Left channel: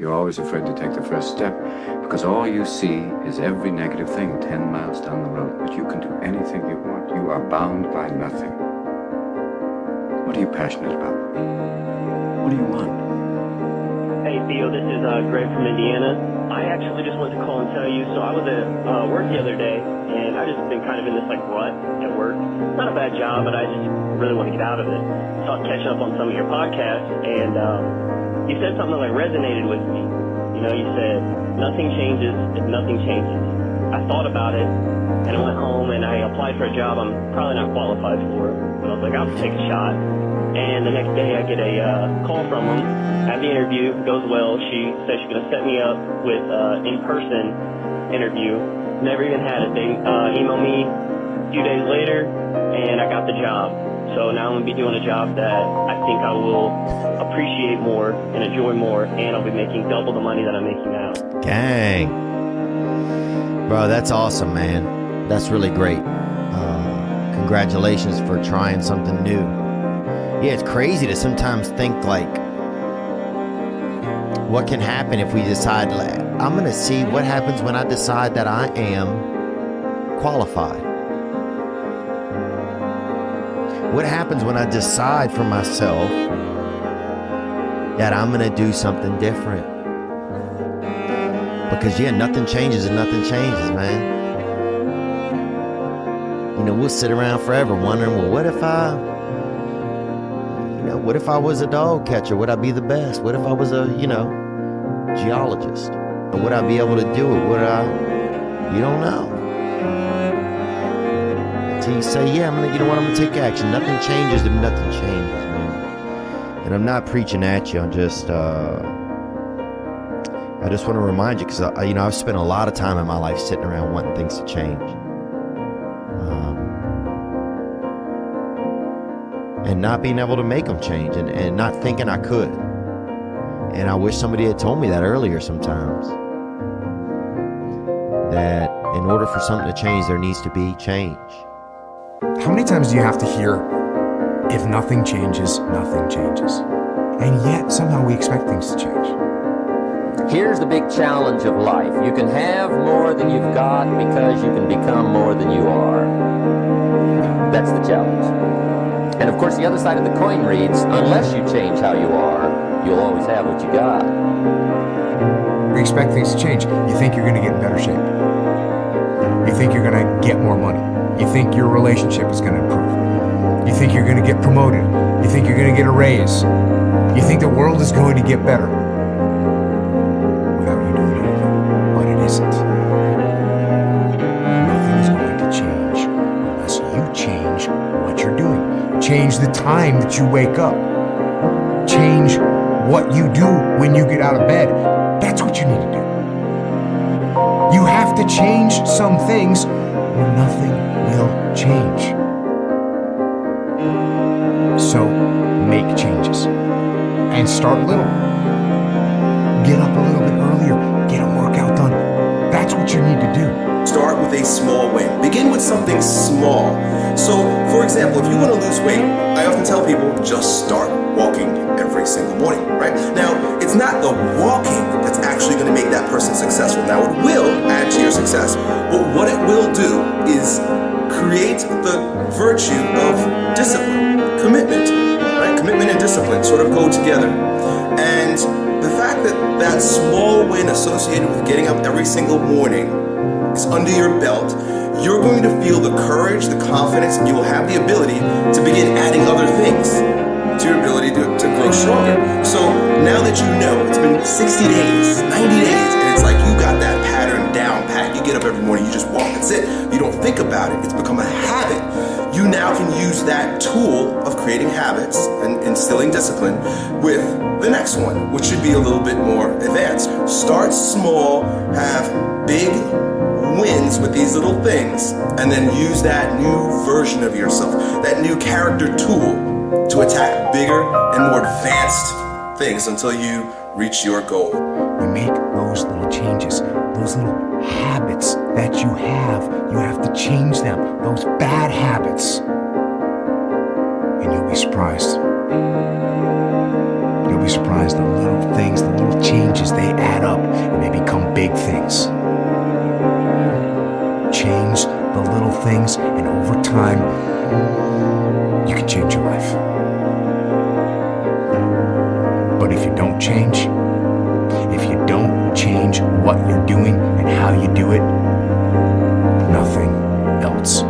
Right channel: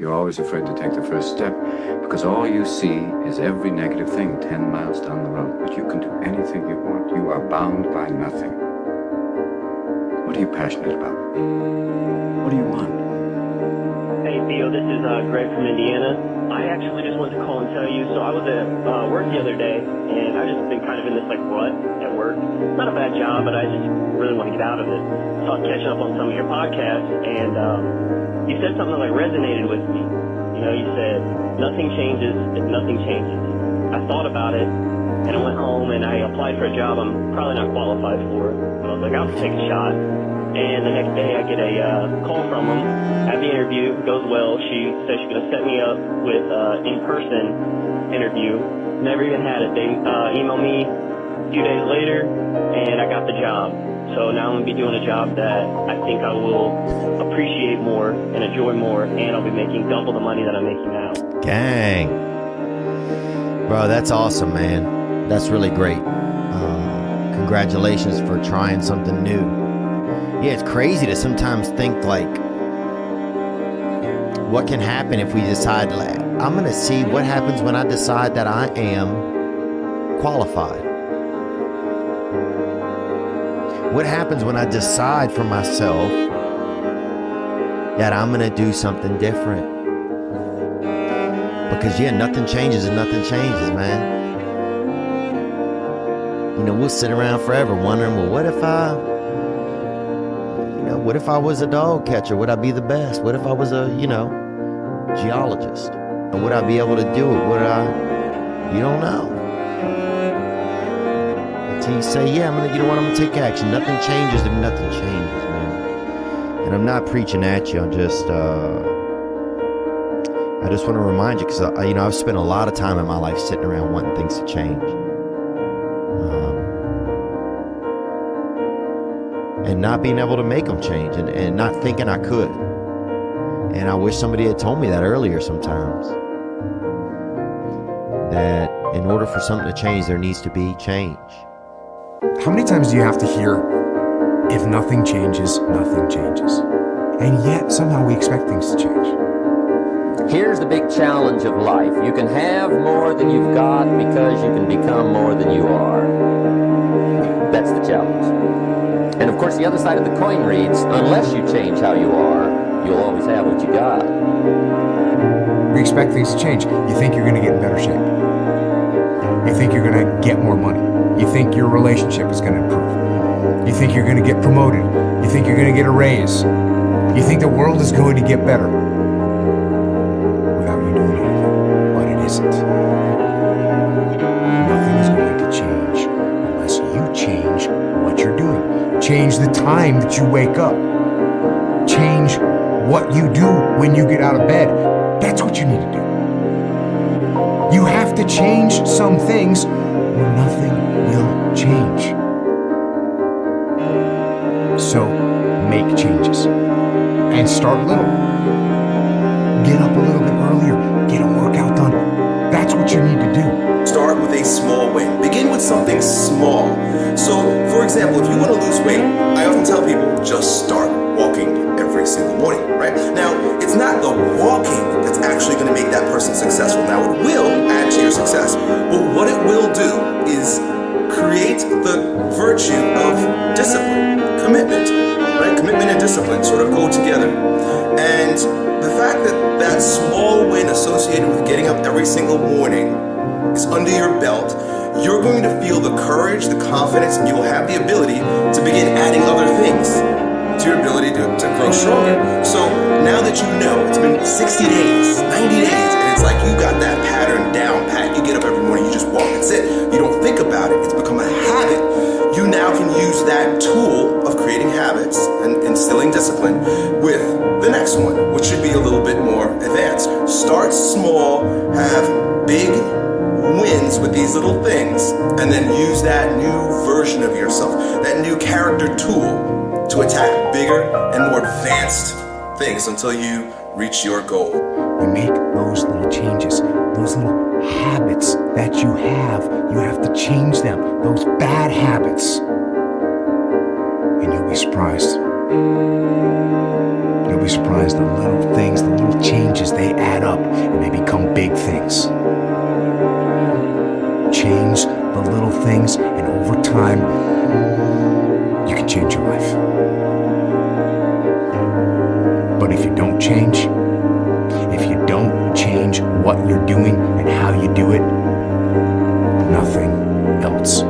You're always afraid to take the first step because all you see is every negative thing 10 miles down the road. But you can do anything you want. You are bound by nothing. What are you passionate about? What do you want? Hey, Theo, this is Greg from Indiana. I actually just wanted to call and tell you, so I was at work the other day, and I've just been kind of in this, rut at work. It's not a bad job, but I just really want to get out of it. So I was catching up on some of your podcasts, and you said something that, resonated with me. You know, you said, nothing changes if nothing changes. I thought about it, and I went home, and I applied for a job I'm probably not qualified for, but I was like, I'll take a shot. And the next day I get a call from them, have the interview, goes well. She says she's going to set me up with in-person interview. Never even had it. They emailed me a few days later, and I got the job. So now I'm going to be doing a job that I think I will appreciate more and enjoy more, and I'll be making double the money that I'm making now. Gang. Bro, that's awesome, man. That's really great. Congratulations for trying something new. Yeah, it's crazy to sometimes think what can happen if we decide, I'm going to see what happens when I decide that I am qualified. What happens when I decide for myself that I'm going to do something different? Because, nothing changes and nothing changes, man. We'll sit around forever wondering, well, what if I was a dog catcher? Would I be the best? What if I was a, geologist? Or would I be able to do it? You don't know. Until you say, I'm going to take action. Nothing changes if nothing changes, man. And I'm not preaching at you. I just want to remind you, because, I've spent a lot of time in my life sitting around wanting things to change. And not being able to make them change and not thinking I could. And I wish somebody had told me that earlier sometimes. That in order for something to change, there needs to be change. How many times do you have to hear, if nothing changes, nothing changes? And yet somehow we expect things to change. Here's the big challenge of life. You can have more than you've got because you can become more than you are. That's the challenge. And of course, the other side of the coin reads, unless you change how you are, you'll always have what you got. We expect things to change. You think you're going to get in better shape. You think you're going to get more money. You think your relationship is going to improve. You think you're going to get promoted. You think you're going to get a raise. You think the world is going to get better without you doing anything. But it isn't. Nothing is going to change unless you change what you're doing. Change the time that you wake up. Change what you do when you get out of bed. That's what you need to do. You have to change some things or nothing will change. So make changes and start little. Get up a little bit earlier. Get a workout done. That's what you need to do. Start with a small win. Begin with something small. So, for example, if you want to lose weight, I often tell people just start walking every single morning, right? Now, it's not the walking that's actually going to make that person successful. Now, it will add to your success, but what it will do is create the virtue of discipline, commitment, right? Commitment and discipline sort of go together. And the fact that that small win associated with getting up every single morning is under your belt, you're going to feel the courage, the confidence, and you will have the ability to begin adding other things to your ability to grow stronger. So now that you know, it's been 60 days, 90 days, and it's like you got that pattern down pat. You get up every morning, you just walk, that's it. You don't think about it. It's become a habit. You now can use that tool of creating habits and instilling discipline with the next one, which should be a little bit more advanced. Start small, have big wins with these little things, and then use that new version of yourself, that new character tool to attack bigger and more advanced things until you reach your goal. You make those little changes, those little habits that you have to change them, those bad habits. And you'll be surprised You'll be surprised, the little things, the little changes, they add up and they become big things. Change the little things, and over time, you can change your life. But if you don't change what you're doing and how you do it, nothing else